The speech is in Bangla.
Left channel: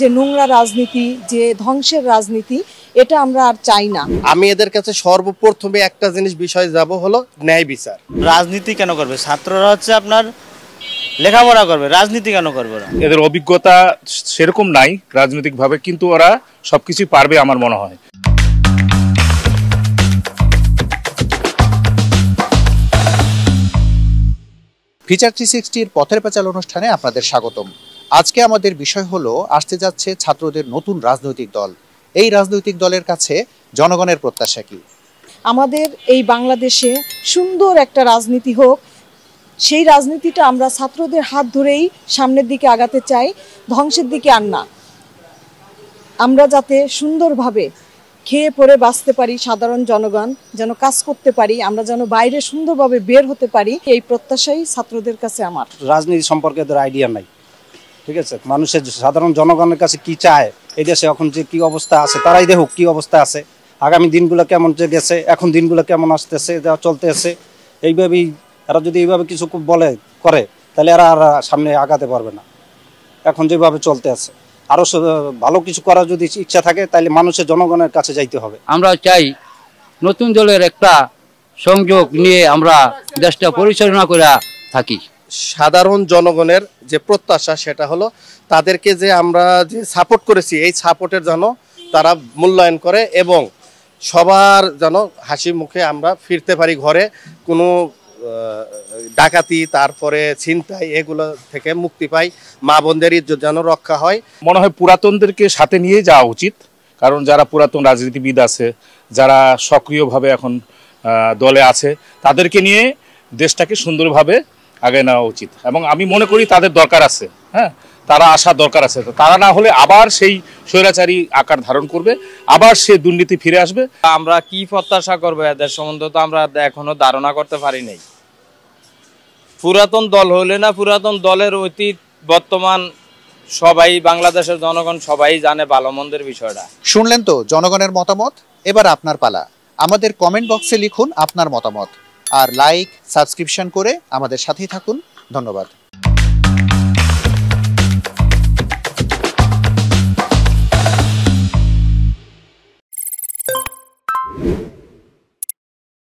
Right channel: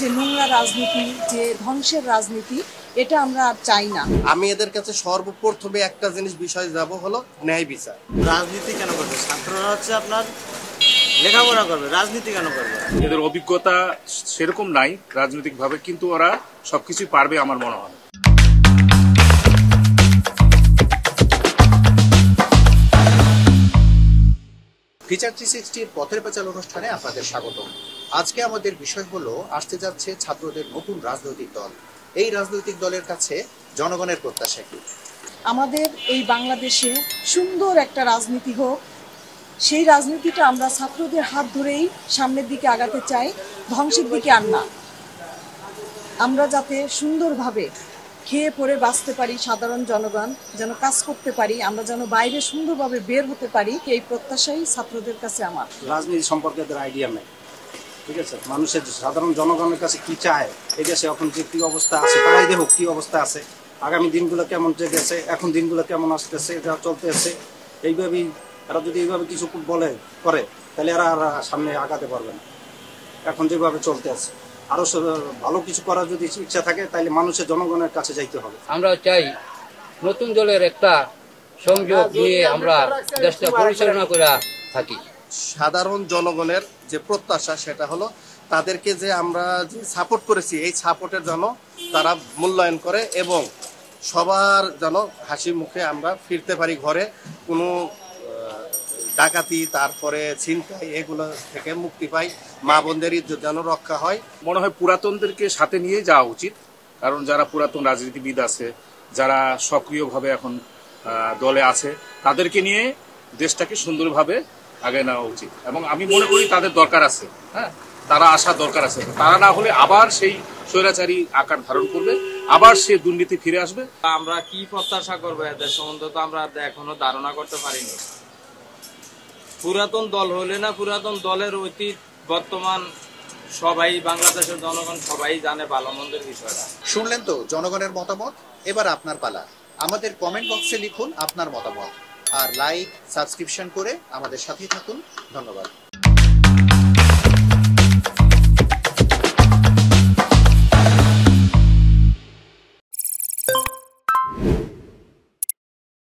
যে নোংরা রাজনীতি, যে ধ্বংসের রাজনীতি, এটা আমরা আর চাই না। আমি এদের কাছে সর্বপ্রথমে একটা জিনিস বিষয় যাব হলো ন্যায় বিচার। রাজনীতি কেন করবে? ছাত্ররা হচ্ছে আপনার লেখাপড়া করবে, রাজনীতি কেন করবে? এদের অভিজ্ঞতা সেরকম নাই রাজনৈতিকভাবে, কিন্তু ওরা সবকিছু পারবে আমার মনে হয়। ফিচার 360-র পথের পাঁচাল অনুষ্ঠানে আপনাদের স্বাগতম। আজকে আমাদের বিষয় হলো আসতে যাচ্ছে ছাত্রদের নতুন রাজনৈতিক দল। এই রাজনৈতিক দলের কাছে জনগণের প্রত্যাশা কি? আমাদের এই বাংলাদেশে সুন্দর একটা রাজনীতি হোক, সেই রাজনীতিটা আমরা ছাত্রদের হাত ধরেই সামনের দিকে আগাতে চাই, ধ্বংসের দিকে আর না। আমরা যাতে সুন্দরভাবে খেয়ে পরে বাঁচতে পারি, সাধারণ জনগণ যেন কাজ করতে পারি, আমরা যেন বাইরে সুন্দরভাবে বের হতে পারি, এই প্রত্যাশাই ছাত্রদের কাছে আমার। রাজনীতি সম্পর্কে এদের আইডিয়া নাই, ঠিক আছে? মানুষের সাধারণ জনগণের কাছে কি চায়, এই দেশে এখন যে কি অবস্থা আছে তারাই দেখুক কি অবস্থা আছে, আগামী দিনগুলো কেমন যে গেছে, এখন দিনগুলো কেমন আসতেছে, যা চলতেছে, এইভাবেই এরা যদি এইভাবে কিছু বলে করে তাহলে এরা আর সামনে আগাতে পারবে না। এখন যেভাবে চলতে আছে আরো ভালো কিছু করার যদি ইচ্ছা থাকে তাহলে মানুষের জনগণের কাছে যাইতে হবে। আমরা চাই নতুন দলের একটা সংযোগ নিয়ে আমরা দেশটা পরিচালনা করে থাকি। সাধারণ জনগণের যে প্রত্যাশা সেটা হলো তাদেরকে যে আমরা যে সাপোর্ট করেছি এই সাপোর্টের জন্য তারা মূল্যায়ন করে এবং সবার যেন হাসি মুখে আমরা ফিরতে পারি ঘরে, কোনো ডাকাতি তারপরে ছিনতাই এগুলো থেকে মুক্তি পাই, মা বোনদের ইজ্জত যেন রক্ষা হয়। মনে হয় পুরাতনদেরকে সাথে নিয়ে যাওয়া উচিত, কারণ যারা পুরাতন রাজনীতিবিদ আছে, যারা সক্রিয়ভাবে এখন দলে আছে, তাদেরকে নিয়ে দেশটাকে সুন্দরভাবে আগে নেওয়া উচিত এবং আমি মনে করি তাদের দরকার আছে। হ্যাঁ, তারা আসার দরকার আছে। তারা না হলে আবার সেই স্বৈরাচারী আকার ধারণ করবে, আবার সে দুর্নীতি ফিরে আসবে। আমরা কি প্রত্যাশা করবো এদের সম্বন্ধে তো আমরা এখনো ধারণা করতে পারি নাই। পুরাতন দল হলে না, পুরাতন দলের অতীত বর্তমান সবাই বাংলাদেশের জনগণ সবাই জানে ভালো মন্দের বিষয়টা। শুনলেন তো জনগণের মতামত। এবার আপনার পালা। আমাদের কমেন্ট বক্সে লিখুন আপনার মতামত, আর লাইক সাবস্ক্রিপশন করে আমাদের সাথেই থাকুন। ধন্যবাদ।